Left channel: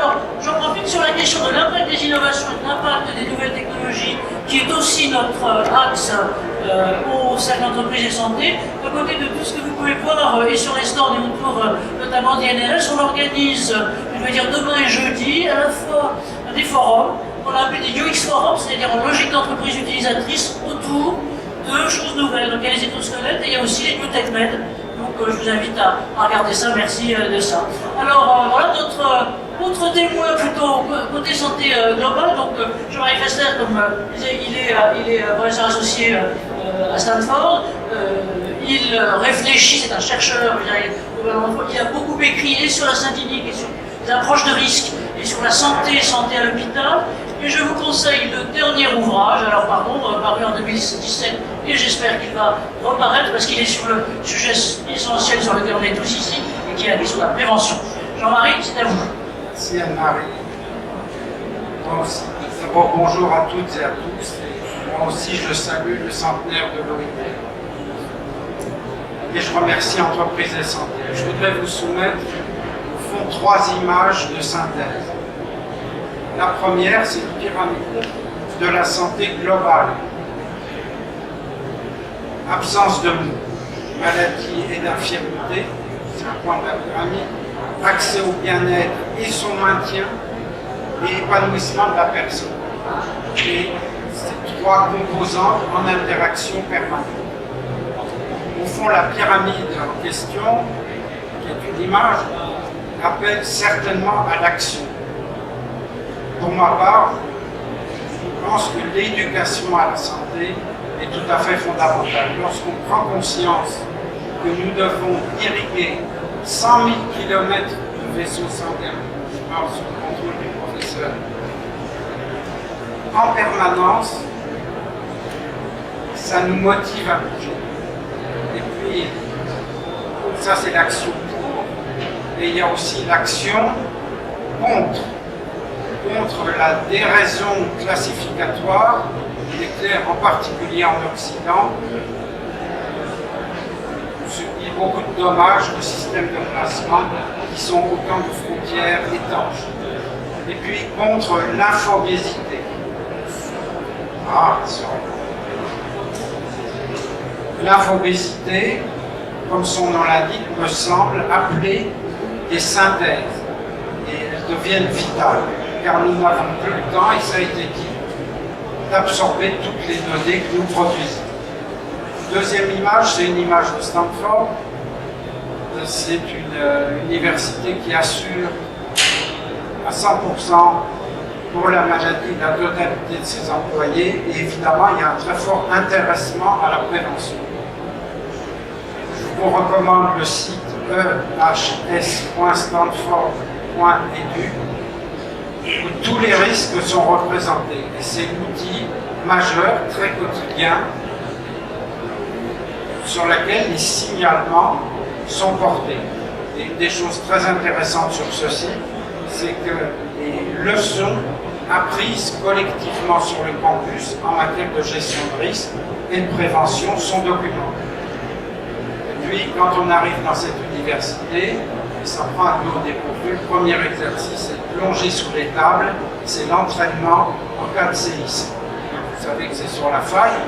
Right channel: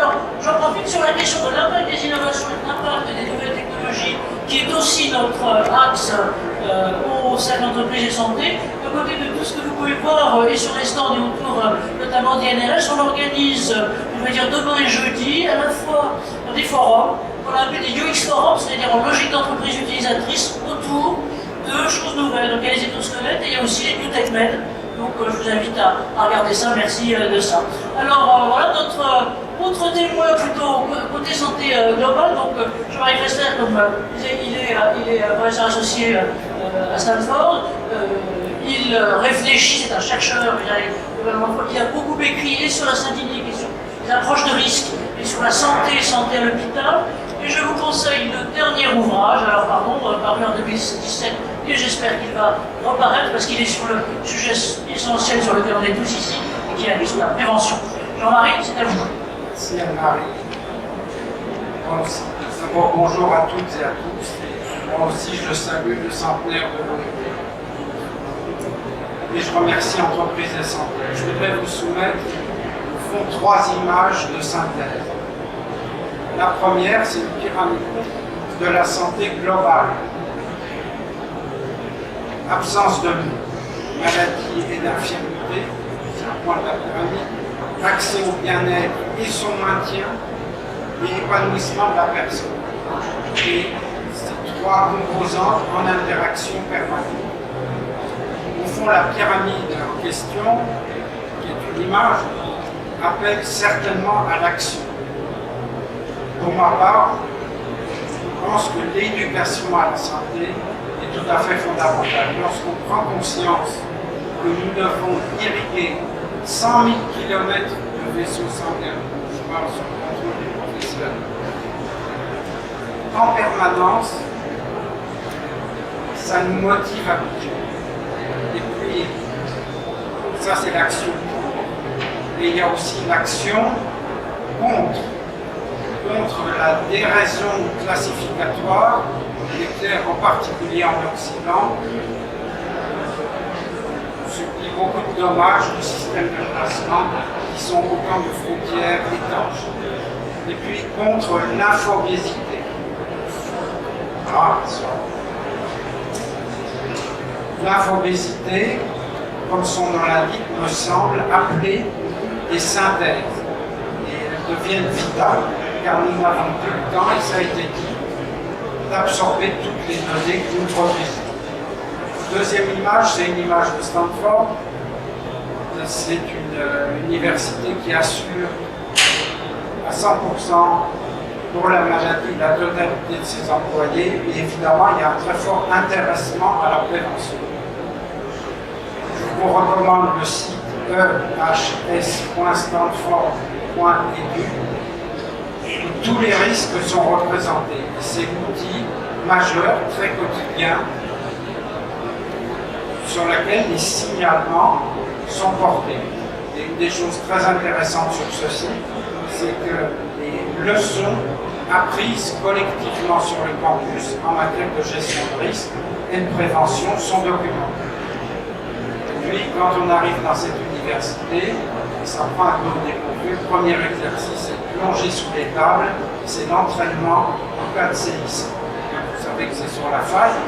Alors, j'en profite sur la question de l'impact des innovations et de l'impact des nouvelles technologies, qui est aussi notre axe au Cercle Entreprise et Santé. À côté de tout ce que vous pouvez voir et sur les stands et autour, notamment d'INRS, on organise, je vais dire demain et jeudi, à la fois des forums, qu'on appelle des UX forums, c'est-à-dire en logique d'entreprise utilisatrice, autour de choses nouvelles. Donc il y a les exosquelettes et il y a aussi les New Tech Med. Donc je vous invite à regarder ça, merci de ça. Alors voilà notre autre témoin plutôt côté santé globale. Donc Jean-Marie Fessler, comme il est professeur associé à Stanford. Il réfléchit, c'est un chercheur qui a beaucoup écrit sur la synthétique et sur les approches de risque et sur la santé à l'hôpital. Et je vous conseille le dernier ouvrage, alors pardon, paru en 2017, et j'espère qu'il va reparaître parce qu'il est sur le sujet essentiel sur lequel on est tous ici, et qui est sur la prévention. Jean-Marie, c'est à vous. Merci Anne-Marie. D'abord, bonjour à toutes et à tous. Moi aussi, je salue le centenaire de l'OIT. Et je remercie Entreprise et Santé. Je voudrais vous soumettre, au fond, 3 images de synthèse. La première, c'est une pyramide de la santé globale. Absence de maladie et d'infirmité, c'est un point de la pyramide. Accès au bien-être et son maintien, et épanouissement de la personne. Et ces 3 composantes en interaction permanente. Au fond, la pyramide en question, qui est une image, appelle certainement à l'action. Pour ma part, je pense que l'éducation à la santé est tout à fait fondamentale. Lorsqu'on prend conscience que nous devons irriguer 100 000 km de vaisseaux sanguins, je pense au contrôle du professeur, en permanence, ça nous motive à bouger. Et puis, ça c'est l'action pour, et il y a aussi l'action contre la déraison classificatoire, il est clair en particulier en Occident, subit beaucoup de dommages au système de classement qui sont autant de frontières étanches. Et puis contre l'infobésité. L'infobésité, comme son nom l'indique, me semble appeler des synthèses. Et elles deviennent vitales, car nous n'avons plus le temps, et ça a été dit, d'absorber toutes les données que nous produisons. Deuxième image, c'est une image de Stanford. C'est une université qui assure à 100% pour la maladie la totalité de ses employés, et évidemment il y a un très fort intéressement à la prévention. Je vous recommande le site ehs.stanford.edu où tous les risques sont représentés. Et c'est l'outil majeur, très quotidien, sur laquelle les signalements sont portés. Et une des choses très intéressantes sur ce site, c'est que les leçons apprises collectivement sur le campus en matière de gestion de risque et de prévention sont documentées. Et puis, quand on arrive dans cette université, ça prend un peu au dépourvu. Le premier exercice est de plonger sous les tables, c'est l'entraînement en cas de séisme. Vous savez que c'est sur la faille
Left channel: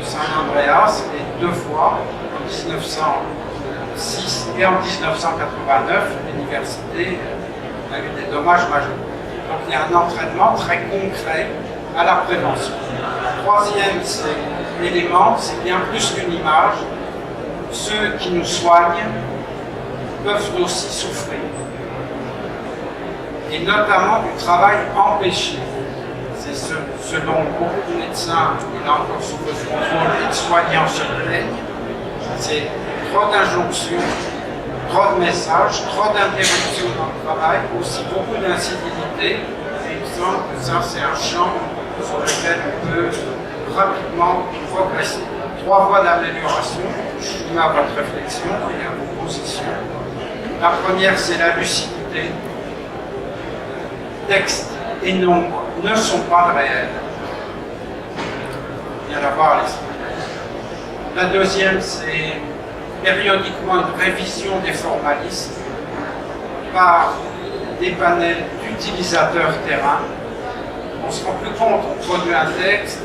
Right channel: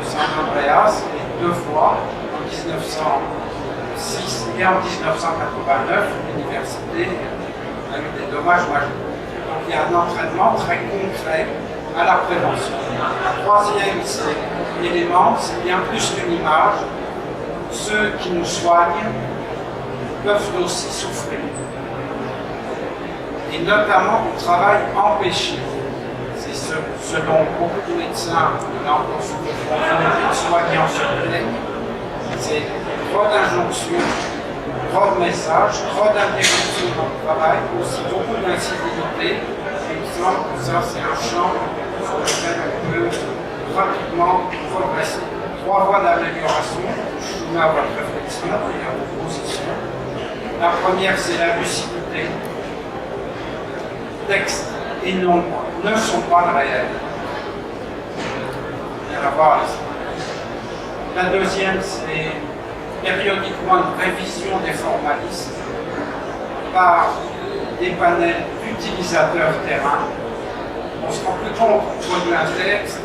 de Saint-Andreas, et 2 fois, en 1906 et en 1989, l'université a eu des dommages majeurs. Donc il y a un entraînement très concret à la prévention. Troisième élément, c'est bien plus qu'une image. Ceux qui nous soignent peuvent aussi souffrir. Et notamment du travail empêché. C'est ce dont beaucoup de médecins, et là encore sous le contrôle des soignants, se plaignent. C'est trop d'injonctions, trop de messages, trop d'interruptions dans le travail, aussi beaucoup d'incivilité. Et il me semble que ça, c'est un champ sur lequel on peut rapidement progresser. 3 voies d'amélioration, je soumets à votre réflexion et à vos positions. La première, c'est la lucidité. Texte et nombre ne sont pas le réel. Il y a d'abord les... La deuxième, c'est périodiquement une révision des formalistes par des panels utilisateur terrain. On se rend plus compte, on produit un texte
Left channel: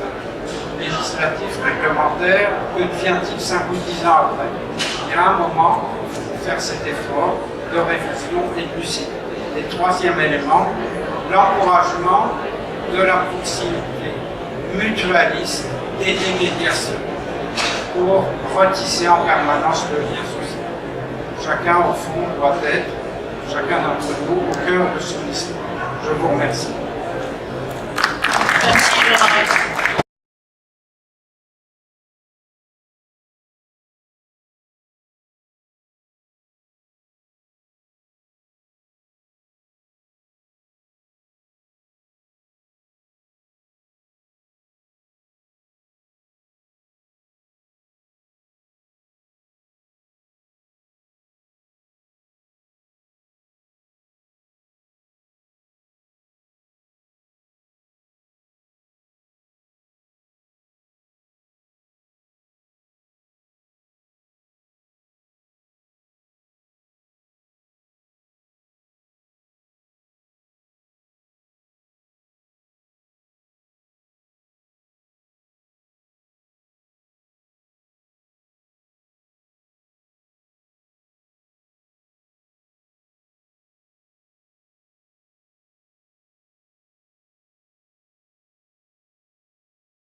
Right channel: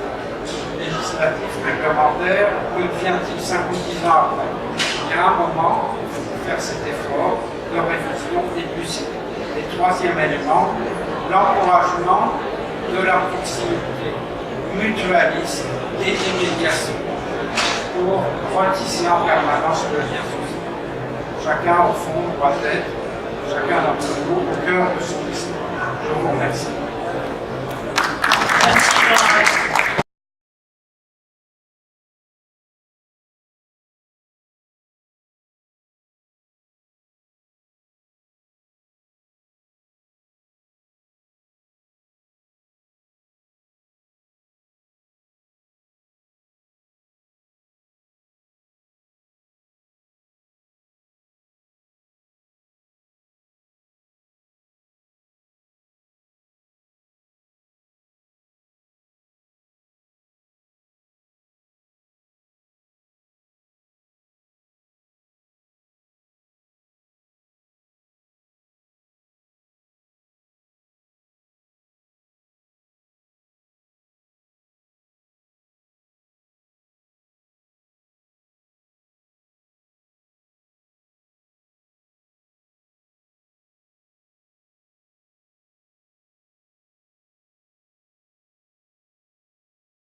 législatif, réglementaire, que devient-il 5 ou 10 ans après? Il y a un moment, il faut faire cet effort de révision et de lucidité. Et troisième élément, l'encouragement de la proximité mutualiste et des médiations pour retisser en permanence le lien social. Chacun, au fond, doit être, chacun d'entre nous, au cœur de son histoire. Je vous remercie. Merci, Jean-Marie.